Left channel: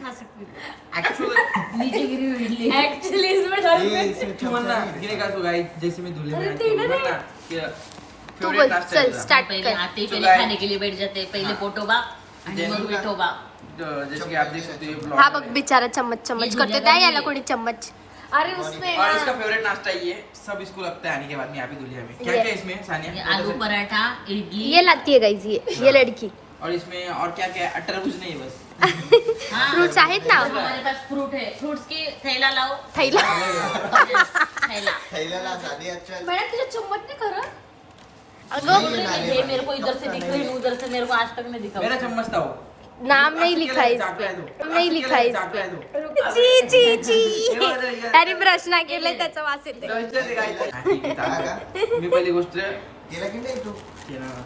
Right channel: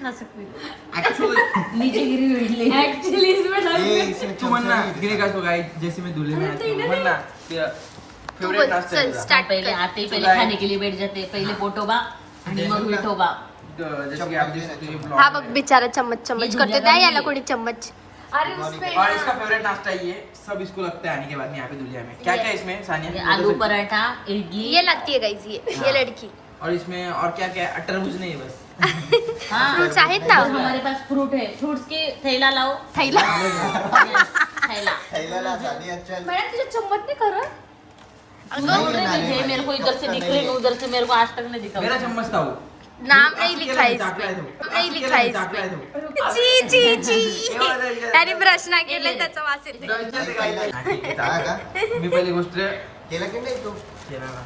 खा सकती हूँ एक्चुअली नीचे गिरी हुई इडली एक्चुअली इसमें ये इसमें तू म्हणना गिने का सो गाइस जैसे मैं दूल्हे में आता हूँ म्हणना कि बोल, फेवरेट नाश्ता है चल, तुझा start. पहले आते ही तो पहले guys- खाने के लिए बैठ जाते पहले पोटोबा आणि मग विठोबा जैसे कि आप देख सकते हो ये हा ब्लॉग बघ बिचारा चम्मच चम्मच करते द्या याला कोणी चम्मच अरे उसमें और इसका फेवरेट नाश्ता ये सब इसको लगता है आने के बाद में यहाँ पे दुल्हिया में क्या क्या इसमें सानिया आलू पराठा इडली ये लाती है गाइस ये लड़की और इसमें और क्या क्या है तरबूज नहीं है बस हाँ, फ्रूट्स आहेत ना हमारे पास फ्रूट है फ्रूट्स के थैला लाओ थैला थैला थैल्याला साधी चल मैंने तुझे चम्मच नहीं करा बोल रही थी, ये मेरे को इधर से दिख रही है उधर से मेरे को आज तक नहीं दिखा मेरा चम्मच था वो नाम नहीं लिखा है इस पे नाम नहीं लिखा है इस पे ची ची ची अरे ब्रश ना केलं त्याचा वास येते हा का मी पहिली गोष्ट केलं की नाही तू केला ना.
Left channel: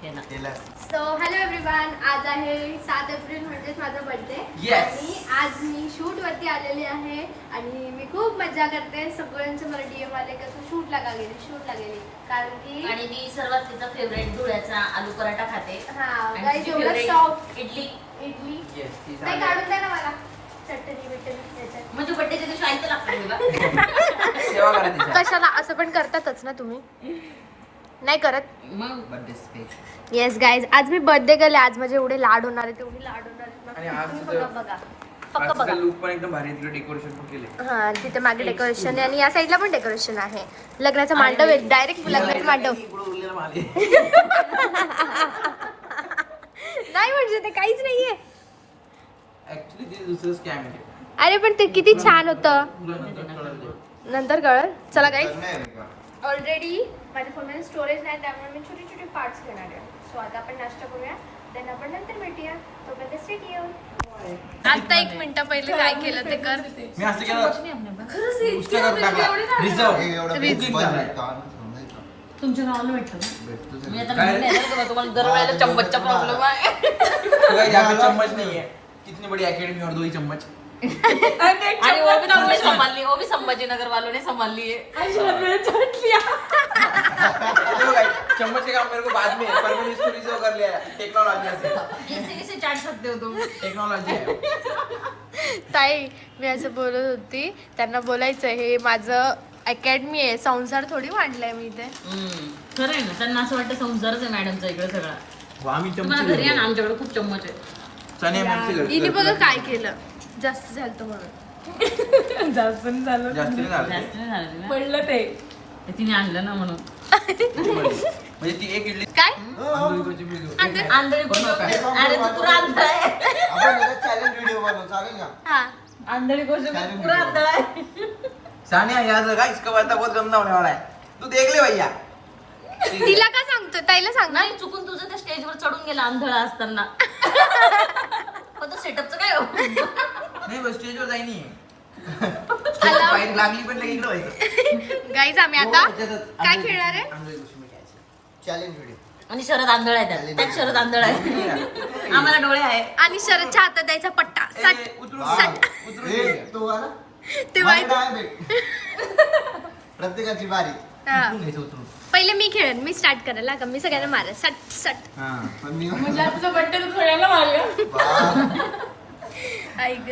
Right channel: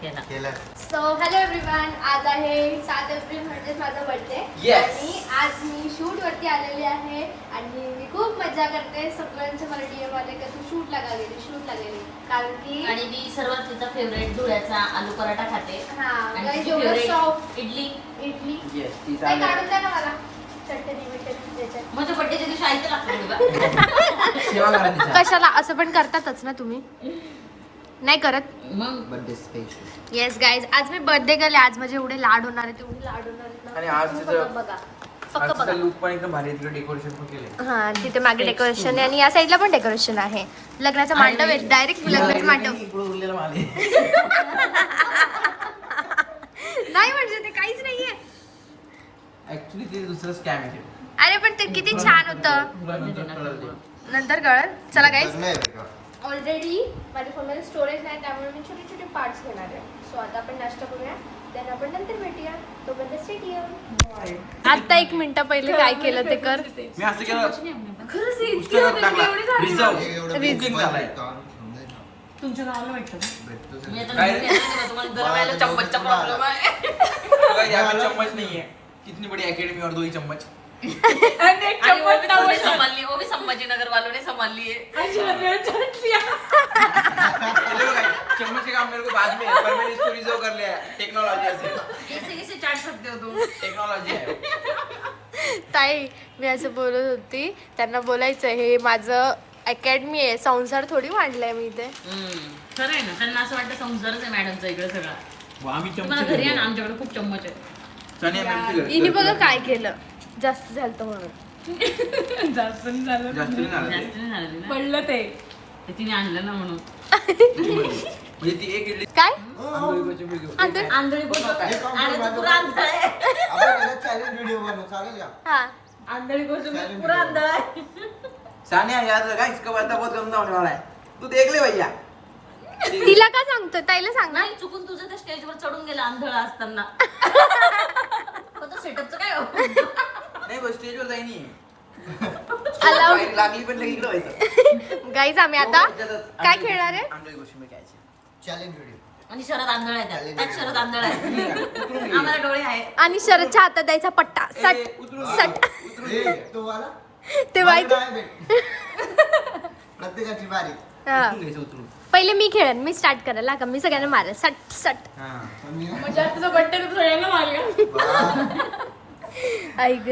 थैला केलं सो हॅलो एव्हरीवन आज आहे 7 एप्रिल म्हणजेच माझा बर्थडे Yes. आणि आज मी शूट वरती आलेली आहे आणि मी खूप मजा करते सगळ्यांचे मला डीएम आले का तू शूट लागा गेली कारण की आणि मी सर्वात तिचा फेवरेट धुळ्याचा आलू पराठा खाते हा आणि गाईस तिची एवढं favorite soft idli idli Yes, ती नाही सानिया. काढून द्या ना मला चटणी बिटणी त्याच्यात म्हणजे बड्डेच्या दिवशी ऐकलं लागतं तुला सेवा करा त्याच्या. कशाला असं पण करतातच ना तुम्ही नाही करत मग बर्थडे स्पेशल येस गाईज आज मी बर्थडे गेले आज माझे एवढे लाड होणार आहेत एवढे लाड होणार आहेत आणि ना आज तुम्ही तुझं- बघा फक्त आजचा बघा लुक पण एकदम भारी डेकोरेशन पण केले हा तिथे मागे डेकोरेशन आहे आणि या साईडला पण डेकोरेशन आहे लग्नाचं मांडव आहे डायरेक्ट लग्नाचं मांडव उरलेलं माले नाही म्हणजे ते काहीच नाहीये ऍक्च्युली ते दुसरं स्कॅम आहे ते. अरे पण ते किती छान होतं तुला नंतर कळलं ते. नंतर कळलं चला गाईज नाही बरं का ऑलरेडी माझ्या फोनमध्ये स्टोरेज नाही त्यामुळे मी छोटे छोटे पार्ट्स घेणार आहे सो आता आपण नाश्ता करूया देन आपण नंतर भेटूया तोपर्यंत स्टे ट्यून आता 1 मिनिट पहिले काय केलं ते कर मी असं केलं उष्टा करून टाकला रिझर्व हे एवढं Reason बुकिंग झालंय. झालंय काम समजायचं. तुमच्या गावाला भेटतं ना भेटतो मी सगळं. आता म्हणते ना तुम्हाला दरवेळेला चम्मचचा प्रॉब्लेम आहे यहाँ पे चम्मच नहीं है इतनी बड़ी एकेडमी और 2 ही चम्मच आणि वो भी तुमने संभाल ली वो भी संभाजीनगर वालों ने संभाल ली है देखो guys, चम्मच के काम मेरे को बाद में परमानेंट इसको रिजर्व कर लिया है टेक्नोलॉजी से इसे चाट सकते हो तुम टेक्नोलॉजी ताई मी असं बोलत होती त्यांना बोलायचं हे माझं अकॅडमी आहे संसार थोडी मांडलाय मी इथे खरं आहे ना त्यांना असं वाटतं संसारच आहे मॅडमचा इकडे सगळा वो आम्ही पुन्हा चमचे घरी आहे ना, घेऊ. आमच्याकडे खूप चम्मच आहे चणे मिरची हिने बघा काय केलं जास्त झालं म्हणून जास्त नाही झालं जास्त नाही झालं ते. जास्त नाही झालं तिला. पडलं ते तिने आणलं ना म्हणून म्हणजे ती एक इडली काय आंधळी कोणची बी घेऊ. आंधळी कोण हे पाहून अरे तू पुरा आंधळा आहे आपण याला चॅलेंज व्हिडिओ बनवू चालेल का हा आंधळी गोष्ट Challenge पुरा video. आंधळा आहे सानिया याद रखा इसका वादा बहुत गंदा होने वाला है तू देख ले भैया तिला का सांगतो ताईला सांग ना नाही चुकून तुझं त्या स्टेजवर चढून गेला आंधळा असताना पण तो सेटअपचं काय हो नाही बस स्टेजवर जाई नाही बाहेर लागली पण लगे इकडे व्हायचं गाईज आम्ही आता काय खेळणार आहे आंधळी गोष्टी मी घ्यायचं चॅलेंज व्हिडिओ आणि शरद आंधळा आहे त्यात शरद आंधळा आहे आम्हाला डोळे आहे आणि शरदच्या हातात द्यायचा पट्टा सट उतरून सट हे तो आला ते मला माहिती डाय भेट. प्रत्येकाची बारी हा. घ्यायचं उतरून पहिले मी खेळेन मी स्टार्ट करायला का मी सगळ्यांना मारेल सट सट हा पण मी ऐक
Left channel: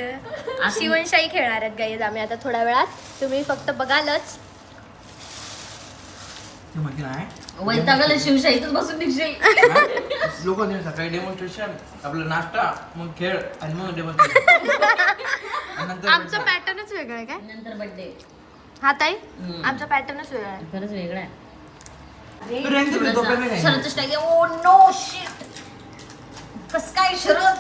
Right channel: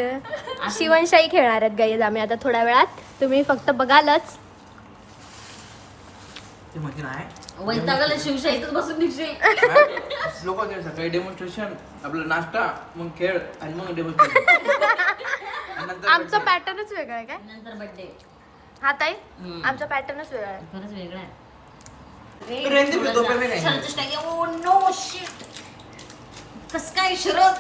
शिवणशाही खेळणार आहेत गाईज आम्ही आता थोड्या वेळात तुम्ही फक्त बघालच ते म्हणजे नाही वैतागाला शिवशाहीतच बसून निघशील लोक सकाळी डेमॉन्स्ट्रेशन आपला नाश्ता मग खेळ आणि मग डेमॉन्स्ट्रेशन आमचा पॅटर्नच वेगळा आहे काय नंतर बर्थडे हा ताई आमचा पॅटर्नच वेगळा आहे खरंच वेगळा आहे शरदचं स्टाईल ओ नो शिट कस काय शरद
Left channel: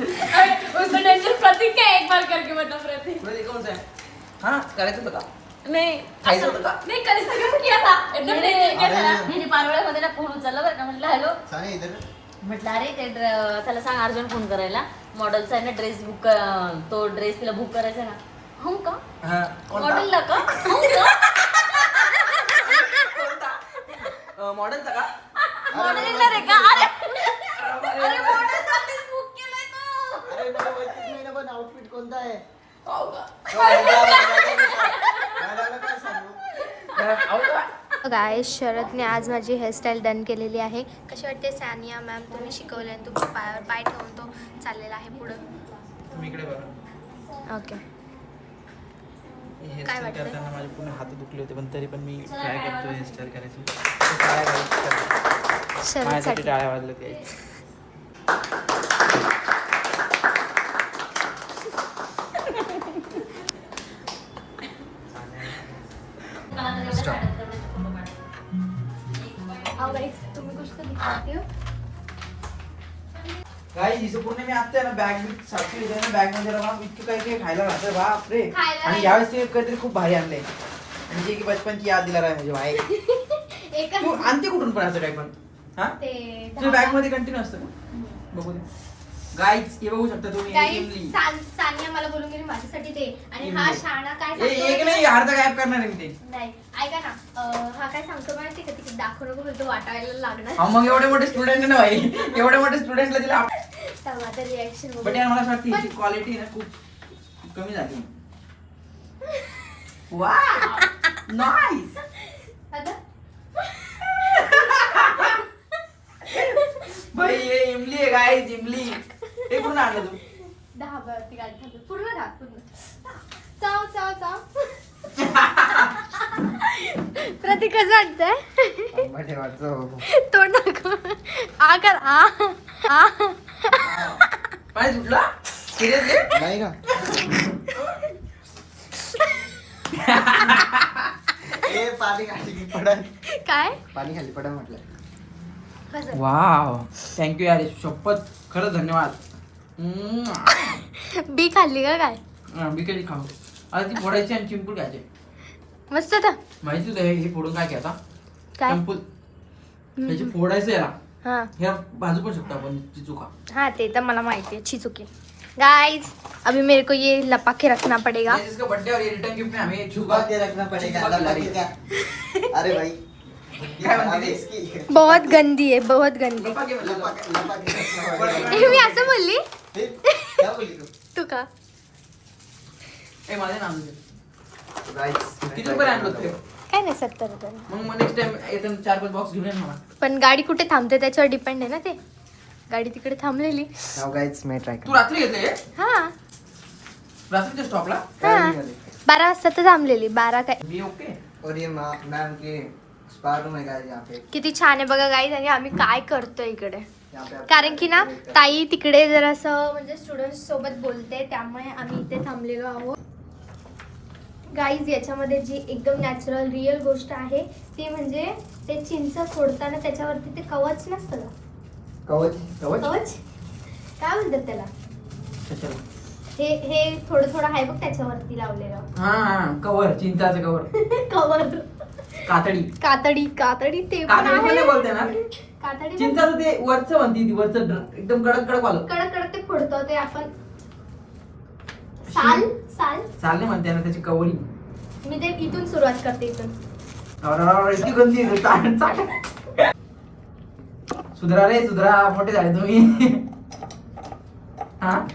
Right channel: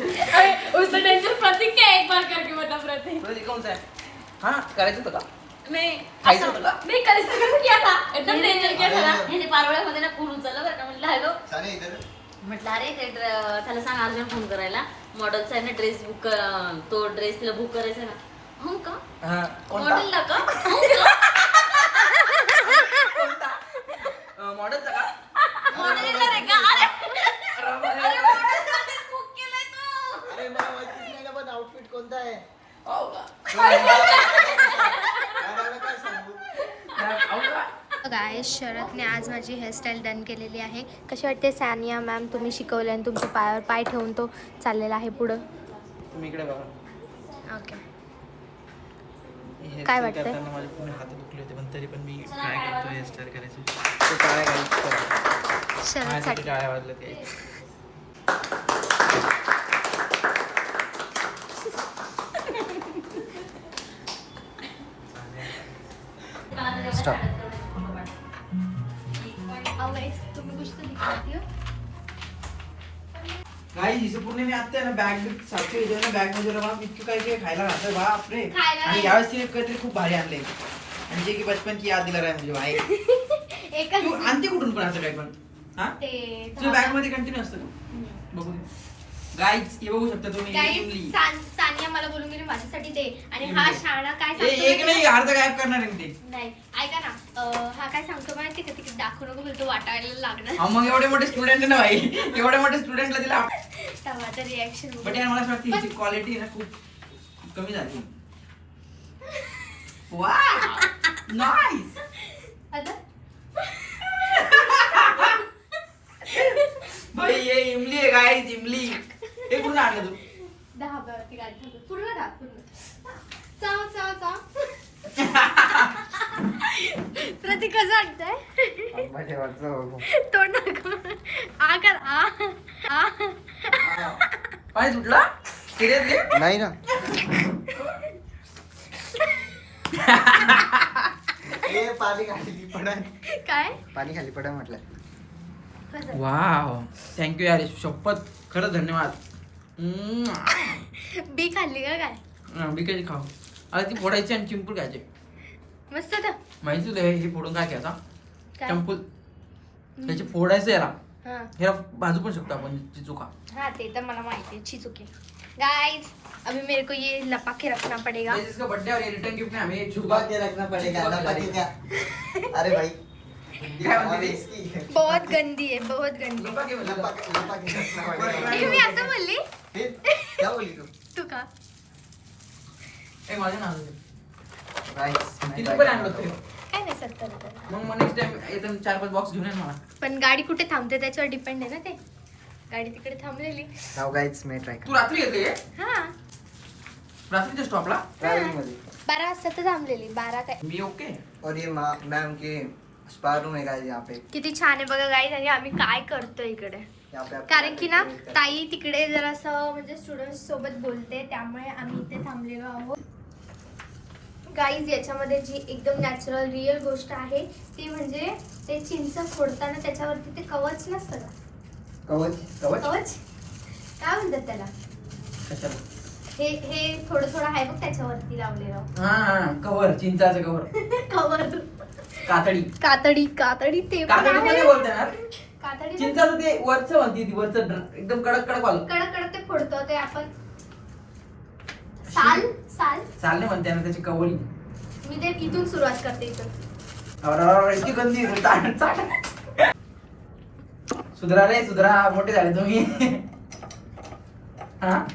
उसका टेंशन प्रतीक का एक बार करके बता प्रतीक हा करायचं होतं का नहीं खायचं होतं का नहीं कल इसका कैसे किया था एकदम डेंजर किया था ह्याने पारवळ्यामध्ये ना फोन उचलला बरं का म्हणलं हॅलो साने इधर म्हटलं अरे ते त्याला सांग अर्जंट फोन करायला मॉडेलचा आहे ना ड्रेस बुक तो ड्रेस तिला बुक करायचा ना हो का हा, कोणता? मॉडेलला का हो का मॉडेलचा का मॉडेलिंगला रे का अरे अरे मॉडेलसाठीच बुक केलंय तू अरे मला माहितीच नाही ना पण आउटफिट कोणता आहे हो का? मॅडमला काय सांगू हो का? गाय शरदने आज माझी हेअरस्टाईल डन केलेली आहे. कशी वाटते सानिया मॅम? तुम्ही शिकवले आणि तुमच्या पायावर पाय ठेवून तो चाललेला आहे पुढं. तुम्ही इकडे बघा. ओके. हेअरस्टाईल वाटतंय? करताना माझे पूर्ण हात दुखले होते, पण तरी पण मी ट्राय करतो हेअरस्टाईल करायची. तो टाळ्या घालायची. माझ्यासाठी शरदसाठी टाळ्या वाजले ते. तुम्ही कुछ तो दिखाते हो. काय हिचं पूर्ण मी आता ना बॅग सारखी ना बॅग मध्ये रवा इतकं काही काही खायला घातलं बाप रे. खायला आणि नाही. यावेळेस तिने काहीतरी खूप भारी आणले म्हणजे की बचपन की याद दिला राय म्हणजे भाई. एकच तू आणते कुठून पण असं काय पण हा ते तुझ्या बॅग मध्ये कंटिन्यू असतं का? बघू दे गाईज हे बघू शकता तुम्ही. गाईज इमली. सानिया मला बोलून गेली माझ्यासाठी ते. आणि हा इमली. शाणा काय ए, एक सांगतो नाही अर्ध गायब करणार आहे मी ते. नाही ऐका ना हा काय सांगतो माहिती का तिकडे दाखवू नको बोलतो वाटायला लागणार. हा, मग एवढे मोठे स्टुडंट ना भाई एवढे मोठे स्टुडंटला दिला. टमाटर रिॲक्शन बट यार मला असं वाटतं हिची क्वालिटी ना खूप कमी झाली. वा नाईस. आता भाई ये इमली आहे गाईज इमली. हे पूर्ण आणलं तू. 10 वरती गाडी थांबतो. पूर्ण टाक पूर्ण. चाव चाव चाव. प्रतीक कसं वाटतंय? आंबा ठेवायचं. तोंड दाखव. आ कर आ. पाय सुटला सिरियसली. नाही ना. ए पाणी खाली पडन. काय पाणी खाली पडन म्हटलं. कसं वाव थँक्यू यार शपथ खरंच धन्यवाद. बी खाल्ली का काय? बिकायची खाऊ आता ती फोडायची आणि चिंपूल खायचे. मस्त तर माहिती तुला हे फोडून काय घ्यायचा काय? चिंपूल ह्याची फोडायचं याला. हा ह्याला भाजू पण शकतो आपण चिचुका. हाँ ते तो मला माहिती है. अच्छी चुकी गाइस. अभी मेरे को ये लपा के रखना पड़ेगा. ये जिसका बर्थडे और ये रिटर्न गिफ्ट में हमें छुपा के रखना पड़ेगा. लपा के क्या? अरे भाई क्या अभी म्हणते? इसकी बहुत गंदी है, बहुत गंदी. लपा के लपा मतलब के रखना पड़ेगा. ये मी असं बोलली फिर क्या बोली तू? तू का? ए माझे नाव दे. गाइस किती रुपये आणलं ते? काय नाही 70 रुपये. मग नेक्स्ट टाइम येताना 4-5 बॉक्स घेऊन ये ना मला. पण गाडी कुठे थांबते त्याच्यावर डिपेंड आहे ना ते. गाडी तिकडे थांबलेली. नाउ गाइस मैं ट्राय तू रात्री घेतलं हे? हा रात्रीच्या स्टॉपला हा 12 वाजता तर थांबलेली. 12 काय मी ओके. और ये मैम के स्पा रूम है गाइस यहाँ पे. किती छान आहे बघा गाईज. आणि आम्ही काय करतोय इकडे यहाँ पे आप- कारण की ना ताई तिकडे जरासं म्हणजे स्टुडंट्स सोबत बोलते त्यामुळे आम्ही इथे थांबलेलो आहोत. गाईज याच्यामध्ये जी एकदम नॅचरल रिअल गोष्ट आहे ती म्हणजे ते चिंच फोडताना त्याच्यावरती ते कवच नसतं का? कवच. कवच कवच काय म्हणतात त्याला? कशाला? हे थोडं थोडं आहे बघ त्याच्यावरती लावलेलं हा हा कवर चिंचाचं कवर. कवर. कातडी कातडी ते पण कातडी आहे. कोणी बोलते ना कातडी चिंचाचं ते वरचं म्हणती ती वरचं एकदम कडक कडक वालं. कडक कडक ते फोडतो ते आपण साल साल. चालणे म्हणते ना त्याची कवळी. मी ते इथून सुरुवात करते इथून. अरे इतकी गंदी आहे. सुधरा रे सुधरा मोठे झाले तुम्ही. हा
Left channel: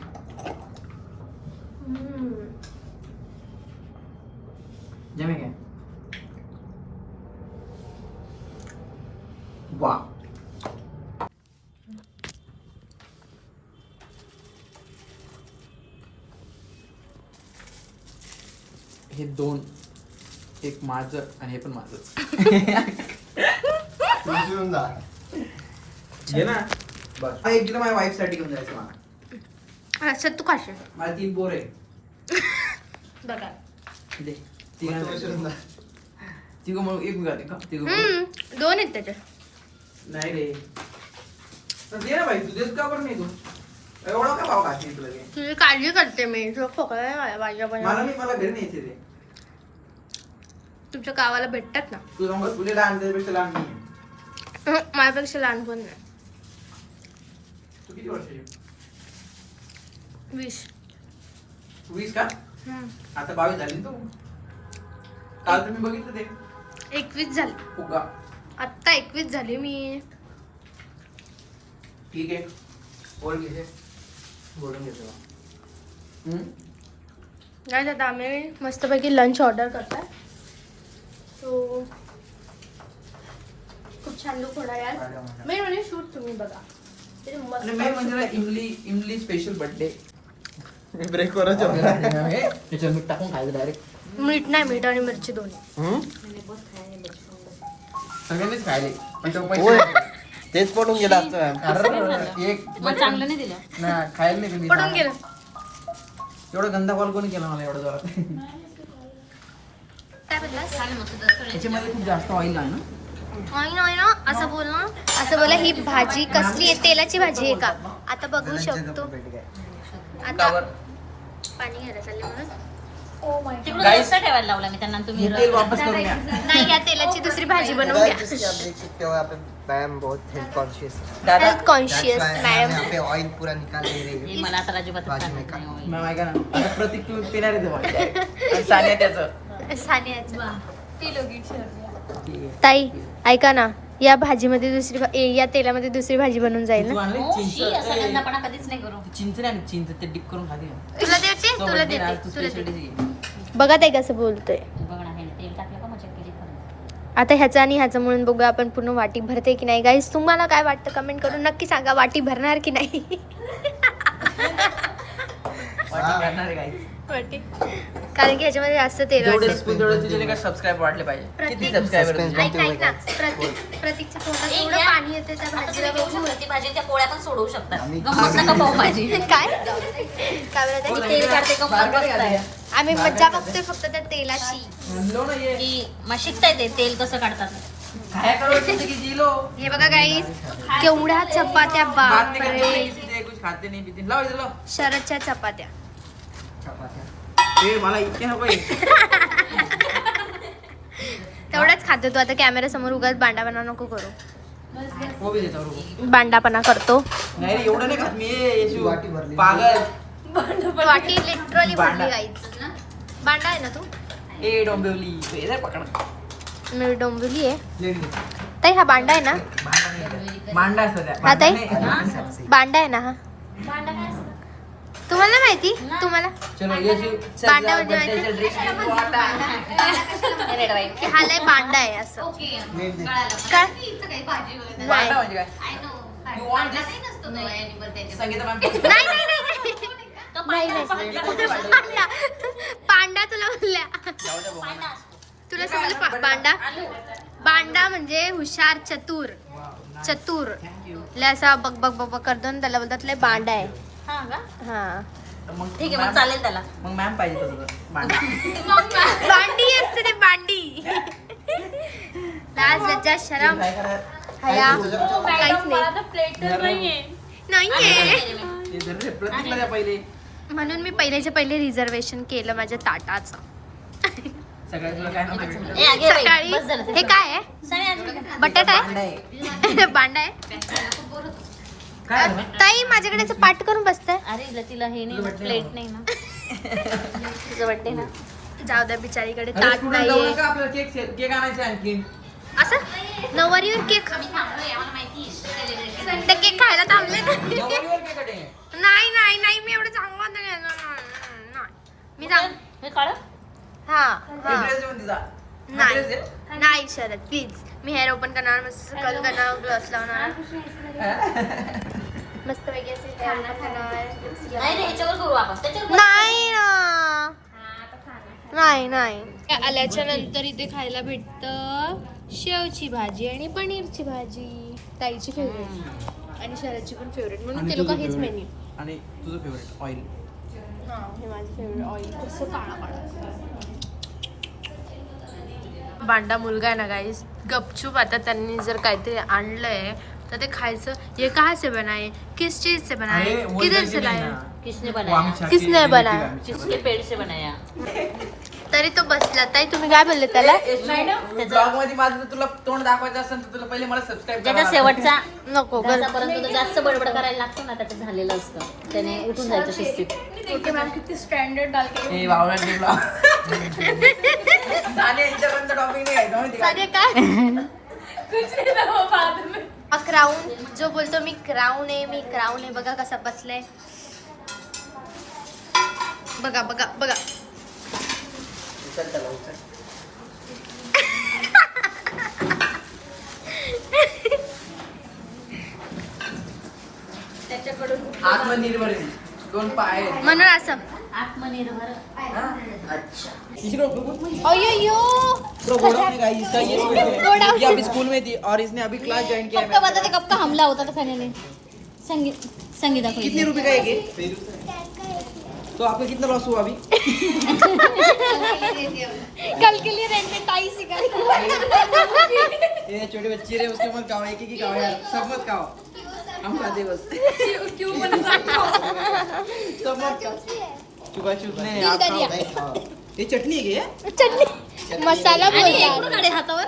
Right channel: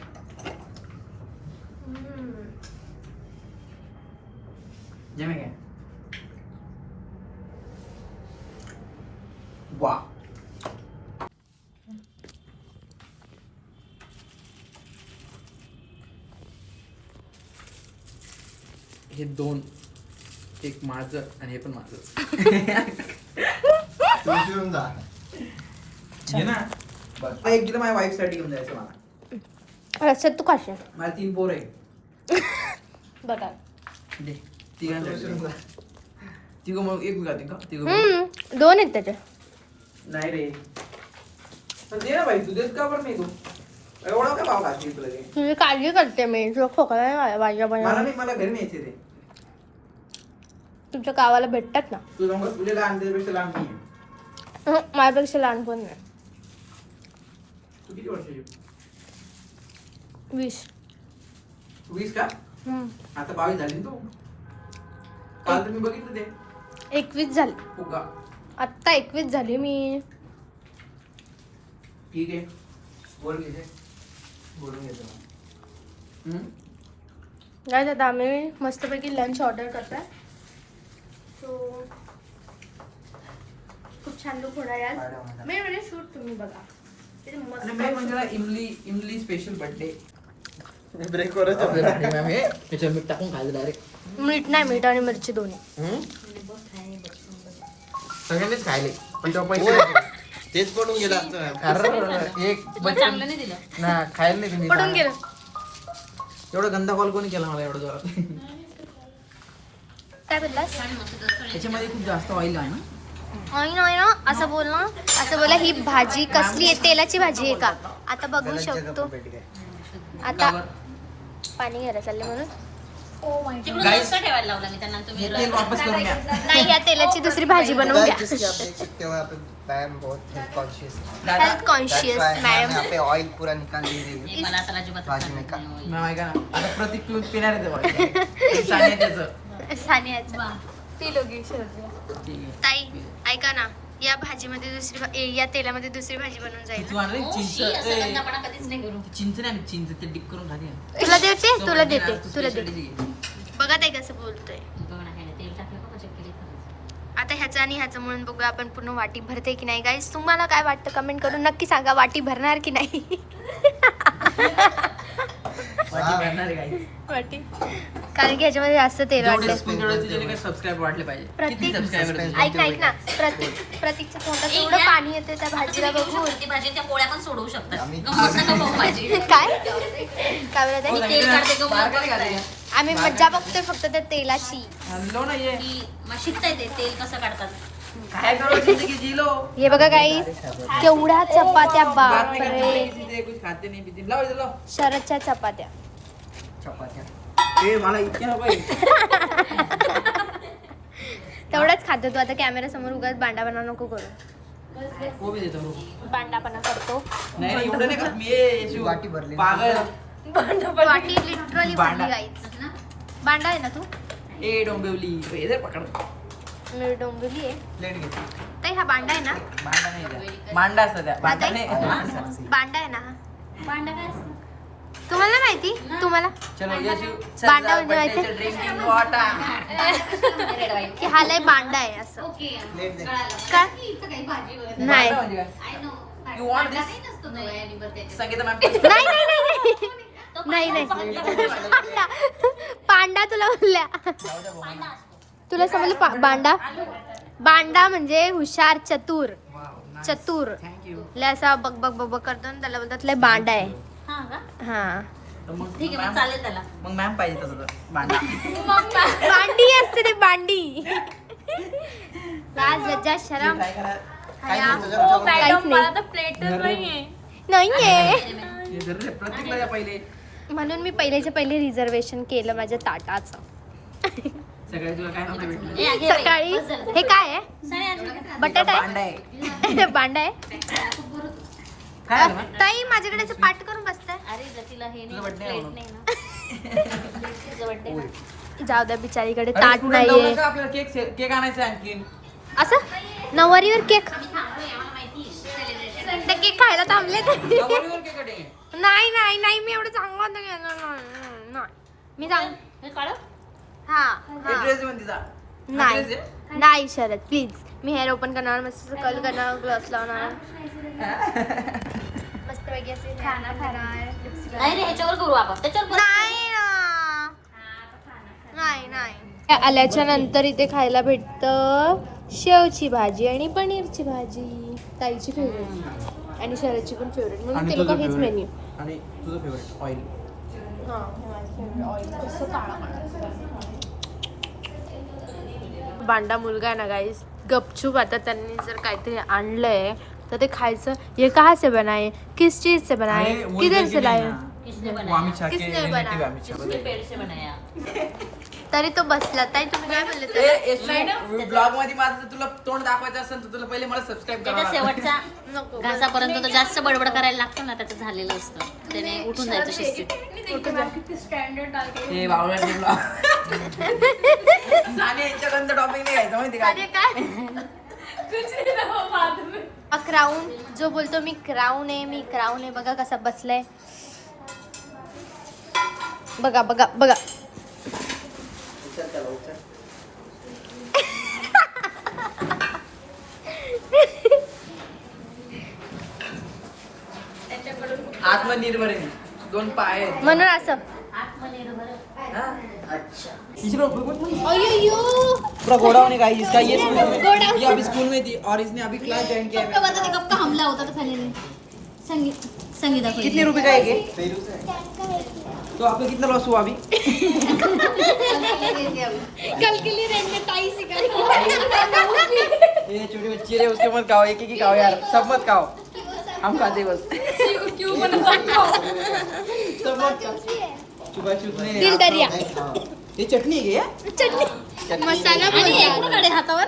जमे काय वा हे 2 एक माझं आणि हे पण माझं. उचलून जा. घे ना बस. एक दिलं माझ्या वाईफ साठी घेऊन जायचं मला. असं तू खाशील मला 3 पोर आहे. बघा. दे तिघांना तिघ म्हणून एक गाते का तिघ 2 आहेत त्याच्यात. नाही रे पण दे ना भाई तू देत का बरं नाही तू एवढा का भाव घातली तुला घे. तुझी काळजी करते मी. तुला खोकला नाही आला पाहिजे मला नाही मला घरी न्यायचे रे. तुमच्या गावाला भेटतात ना. तू जाऊन तुझ्या लहान त्याच्यापेक्षा लहान नाही. माझ्यापेक्षा लहान पण नाही. तू किती वर्षाची 20. 20 का आता 22 झाली ना तू. काल तर मी बघितलं ते 21 झाली. फुगा. आत्ता 21 झाली मी. ठीक आहे बोल घे बोलून घेतो. काय आता आम्ही मस्तपैकी लंच ऑर्डर करताय. सो छान लुक होणार आहे आज. मेन म्हणजे शूट तुम्ही बघा किती मस्त आणि मेन म्हणजे ना इमली स्पेशल बर्थडे ब्रेक करत होते मॅम हे त्याच्यात मीठ टाकून खायचं डायरेक्ट. मीठ नाही, मीठ आणि मिरची दोन्ही. सगळ्यांनीच खायले पण तेव्हा पैसे तेच पडून गेला आमचं मॅम. एक मग चांगलं नाही दिलं. ना खायला नाही तुम्ही. पडून गेलं. एवढं गंदा कॉल कोणी केला मला एवढं जोरात. काय बदलास? त्याच्यामध्ये खूप जास्त ऑइल आहे ना. नाही ना असं बोल ना. असं बोला ही भाजी कसली आहे? तेलाची भाजी आहे का? आता बघू शकतो. आता पाणी घ्यायला चालले म्हणून. तिकडून रस्सा ठेवायला लावला मी त्यांना. तुम्ही हे तेल वापस करून घ्या. नाही, या तेलाची दुसरी भाजी बनवून घ्या. देख सकते हो आप मैम बहुत health conscious health conscious madam. यहाँ पे ऑयल पूरा निकाल दे रही है. मला तर अजिबात भाजी खात में का- नाही. मॅम ऐका ना प्रतीक तू पिणार आहे ते बॉल सानिया त्याचं. सानियाचं ती लोगी ताई ऐका ना, या भाजीमध्ये या तेलामध्ये दुसरी भाजी बनवून जाईल तू ना. आणली हो, शी, असं चिंच गंदापणा कधीच नाही करू. चिंच नाही आणली, चिंच ते डिप करून खाते. तुला देते, तुला देते, तुला देते. बघा ताई कसं बोलतोय. बघ ना, हे ना, तेल टाकलं का मजा केली खरं. आता ह्याचं आणि ह्याचं म्हणून बघूया आपण पूर्ण वाटी भरते की नाही. गाईज तुम्हाला काय वाटतं कमेंट करून नक्की सांगा. वाटी भरणार की नाही? वाटी, कारण की ह्याच्यामध्ये जास्त तेल वाटलंय. तुझे सबस्क्राईब वाटले पाहिजे. प्रतीक- किती सबस्क्रायबर ऐक ना प्रतीकच्या तोंडात एवढं पाणी येते त्या भाजीला बघून. ती भाजी त्या पोळ्या पण सोडवू शकतात. आम्ही- गमत नका पाहू भाजी. काय काय बोलत मी आहे? तेल काढते गमत. आम्ही मज्जा बघतोय फक्त त्या तेलाची. म्हणलो ना ये की मग शिकता येते तेल कसं काढतात. काय करो जिंदगी जी लो. हे बघा गाईज केवढ्या चपात्या, बात नहीं करते, बापरे. किसी से कुछ खाते नहीं पीते. लाव इधर लाव. शरदच्या चपात्या. चपात्या. ए मला इतके नको आहे. तेवढंच खातो तू. आता कॅमेरा समोर उगाच बांडापणा नको करू. वो भी देता हूँ. बांडापणा करतो. नाही रे, एवढं नाही खात मी. ये शिव. वाटी भरली. पागल. वाटी लिटरली भरली गाईज. बांडा आहे ना तू? ए डोंबिवली इधर पकड. मी डोंबिवली आहे. लेट घे. ताई हा बांडा आहे ना? मांडा असतो त्या. हा ताई? नाही. बांडा आहे ना हा? तुम्हाला नाही माहिती? तुम्हाला चलो ये शिव. बांडा म्हणजे माहिती? Drinking water. की हा लय बांडा आहे असं. प्लेट दे. काय नाही बांडा म्हणजे काय? You want this? Sangeeta ma'am. नाही नाही नाही नाही. पांडा पांडा तुला म्हणल्या. तुला समजलं बांडा? बांडा म्हणजे हुशार, चतुर. चतुर थँक यू. लय असा बग बग बग बग करतो ना, त्याला बोलतात लय बांडा आहे. हा का? हा मग ठीक आहे, मग मॅम- चालेल त्याला. मग मॅम पाहिजे तसं बांडा. बांडी असते ती बांडी. लाज लज्जा शरम काय करा? हया काहीच नाहीये. हे धरून प्रतीकला द्या पहिले. म्हणून मी पहिल्याच्या पहिले रिझर्वेशन केलं माझ्या ताटाचं. सकाळी तुला काय नव्हतं भेटलं. ए, आगे बाई, सकाळी बस झालं ते. हे काय आहे? सगळे आजी- बटाटा बांडा आहे? आहे. बांडा आहे? काय झालं? ताई माझ्याकडे असं पाठ करून बसतंय. अरे जर तिला हे नाही तुझं ना, birthday प्लेट ना. नाही ना. तुझं वाटते ना. जाऊ द्या बिचारीकडे अरे ताट स्टुडंट जाऊ नाहीये. नका, आपल्याला केक आणायचा आहे आणखीन. असं नववारीवर केक. ते केक खायला थांबले का? नवरीवर केक कटे. नाही नाही नाही मी एवढं चांगलं नाही केलं. नाही. मी सांग हे काढा. हा हा ड्रेस घेऊन तिचा. नाही ड्रेस आहे? नाही Sharad please. Me hair open करणार, मस्त कल करणार, ग्लॉस लावणार, मस्त पैकी असे हेअर ओपन करणार, लिपस्टिक नाही रे, लावणार. ह्याच्यावर करू आपण. त्याच्यावर बस. नाही ना. नाही नाही. आल्याच्या नंतर इथे खायला भेटतं शेवची भाजी आणि पनीरची भाजी. ताईची फेवरेट आणि शरदची पण फेवरेट, म्हणून आणि ते लोक तुझं हेच favorite. मेन्यू. आणि तुझं फेवरेट ऑइल. हा हे माझं फेवरेट ऑइल. कसं बांडा मुलगा आहे ना गाईस, गपचूप आता त्यांनी जर काहीतरी आणलंय तर ते खायचं. ये कहाँ से बनाए, किस चीज से बनाए, किधर से लाए? किसने वो बनाया? आमिषा के किसने relative बनाया? आहे, आमिषा किसके बताई. पेड़ से बनाया? तरी तो बसला. ताई तुम्ही काय बोलले त्याला? ब्लॉग मध्ये माझं जर तुला तोंड दाखवायचं असेल तर तुला पहिले मला सबस्क्राईब त्याचा शेवटचा नको बस. घासापर्यंत तो जास्त बडबड करायला लागतो ना, त्याचं झालेलं असतं. त्याने उठून जायचं शिस्तीत. हे बावळा ब्लॉग. सानिया यांच्यापर्यंत टॉपिक नाही घ्यायचं माहिती का? सारे काय क्राऊन जो बोलतो मी क्राऊन आहे, मी क्राऊन आहे. बघा कसा बसलाय. बघा बघा बघा. उचल त्याला उचल. त्याच्याकडून आत्मनिर्भर आहे. 2 पाय आहेत. म्हणून असं अच्छा अय्यो पूरा गोडाउन है गाइस इसका, ये स्कूल में गोडाउन। ये अभी स्कूल में थी और इसने अभी क्लास ज्वाइन किया है. कब का हमला होता था खाने में संगीता को कितने रुपए का है ये? तो आपका कितना लॉस हुआ अभी? कल के लिए रेंट में टाई सिखाई ये छोटे बच्चे रे, उसके मत खाओ, एक ही खाओ यार, सब मत खाओ, हम खाते बस. सब मत खाओ. चुका चुकने दिल दरिया ये चटनी है क्या? चटणी मसाला आणि बोलतो. एक काढे हातावर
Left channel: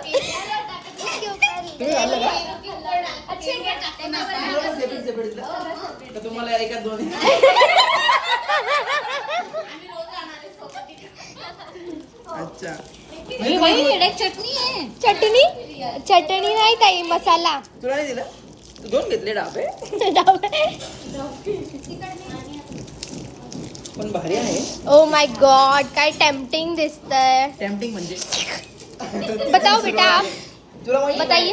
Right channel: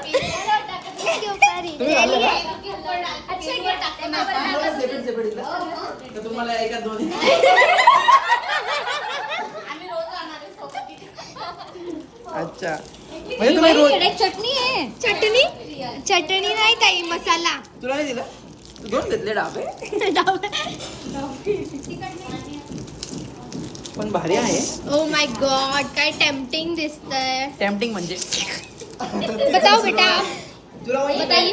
तर तुम्हाला एका 2 अच्छा म्हणजे तुम्ही रोज- चटणी आहे चटणी नाही ताई मसाला तुला नाही दिलं? 2 घेतले डाबे पण भारी आहे. ओ माय गॉड काय टेम्पटिंग दिसतंय. टेम्पटिंग म्हणजे बताओ बेटा तुला माहिती? बताइए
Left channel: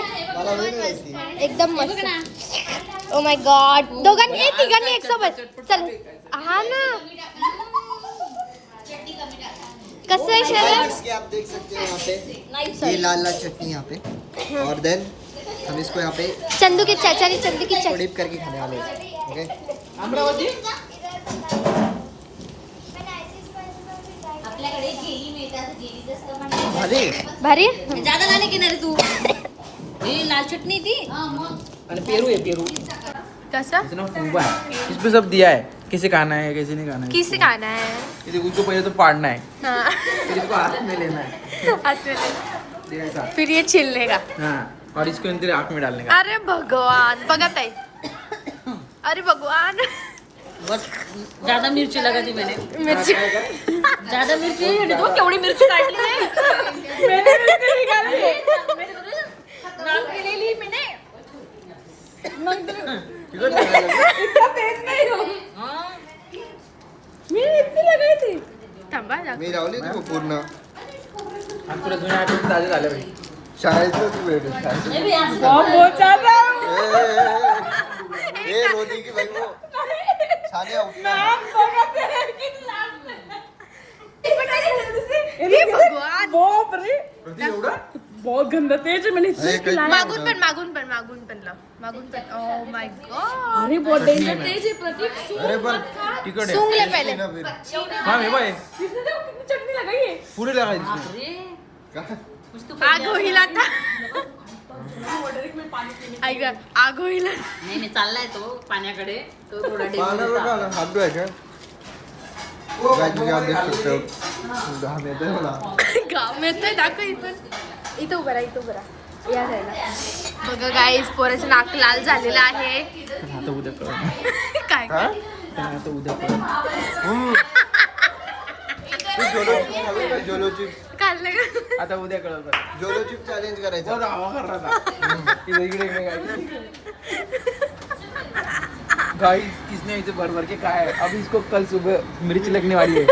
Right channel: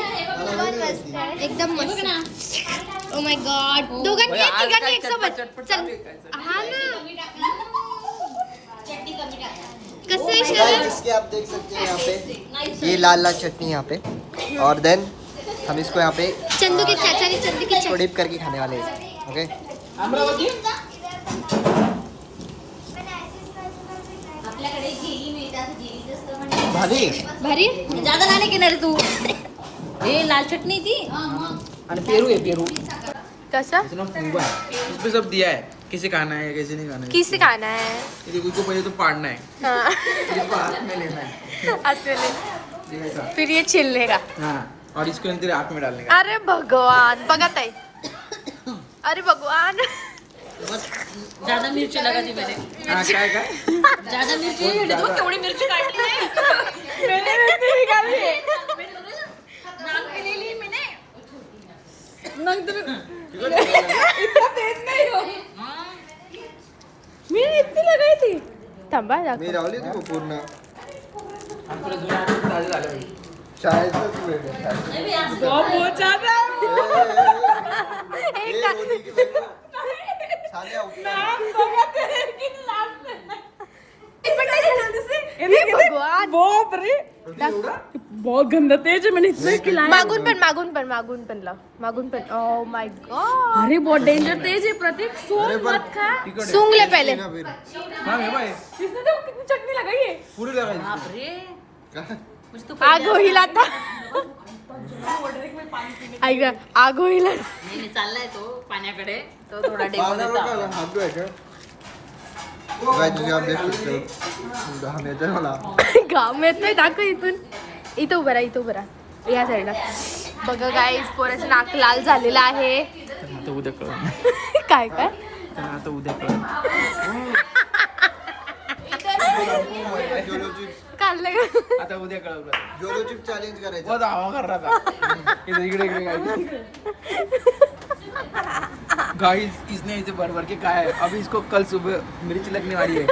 एकदम मस्त. ओ माय गॉड दोघांनी तिघांनी एक सोबत चल हा ना कसं आहे शरद इसके आप देख सकते हैं यहाँ पे ये लाल लाल चटनी यहाँ पे, और देन हम इसको यहाँ पे चंदू के चाचा ने चंदू की इसको डिप करके खाने वाले हैं. ओके अमरावती आपल्याकडे जेली मिळते असं जेलीचं असतं म्हणे. भाजी भारी जादा नाही घेणार रे तू हे लाल चटणी ती आणि पेरू है पेरू. कसं इतना फूबा है, इसमें सब दिया है, किसे खाना है कैसे नहीं खाना है. किसी खाना है ये देखो, उसको पहले तो फाड़ना है, हाँ फिर इसको हाथ में लेना है, ये ऐसा. फिर ये छिलने का. हाँ, और इसको अंदर आँख में डालने का. अरे भगवान बघा ताई अरे भगवान बस ज्यादा मिरची लगाती मैंने हाँ, काय काय? ज्यादा मिरची है तो केवढी मिरची काढली आहे मैंने मिरची निकाली है नाक के लिए ली मैंने इतना तेज नहीं हो हाँ मैंने इतनी लगाई थी थांबा मी रावली तू पूर्ण पुढे जुन्या आठवणी ताज्या झाल्या पाहिजे. शाळेतच वेळ बहुत ज्यादा हे रोटी की बाई वो. सानिया उठला. हे भगवान बहुत गंदा तेज है मैंने अरे काही मागून पण लाव मागून पण ओ माय गॉड अरे बहुत डेंजर तेज है प्रतीक अरे पण तिखट आहे. सूंघ ले पहले ना फिर हाँ, हे बघ, चटणी लगाई है पुढे लागायची. काय? आग होईल आता ऐक आग होईल नाही नाही चाललाय तो पाण्याकडे तो थोडा पावडा डेंजर बघा ना, हात धुवायचे. गाय तुझे आप देख सकते हो घाम येतोय मला. घाम येतोय दाखव इथून इथं उभं राहा या साईडला बघा गाईस पोराचं नाक लाल झालेलं आहे पण आता उद्या कळ काय पण आता उद्या कळ जोलो चिप काढलं का आता उद्या कळल बरं. जोलो चिप चॅलेंज करायचं. बहुत हवा कर रहा था. इधर इकडे इकडे गाइस इसने इसे भर भर के खाया है. अभी इसको कल सुबह मिर्च लगने वाली है.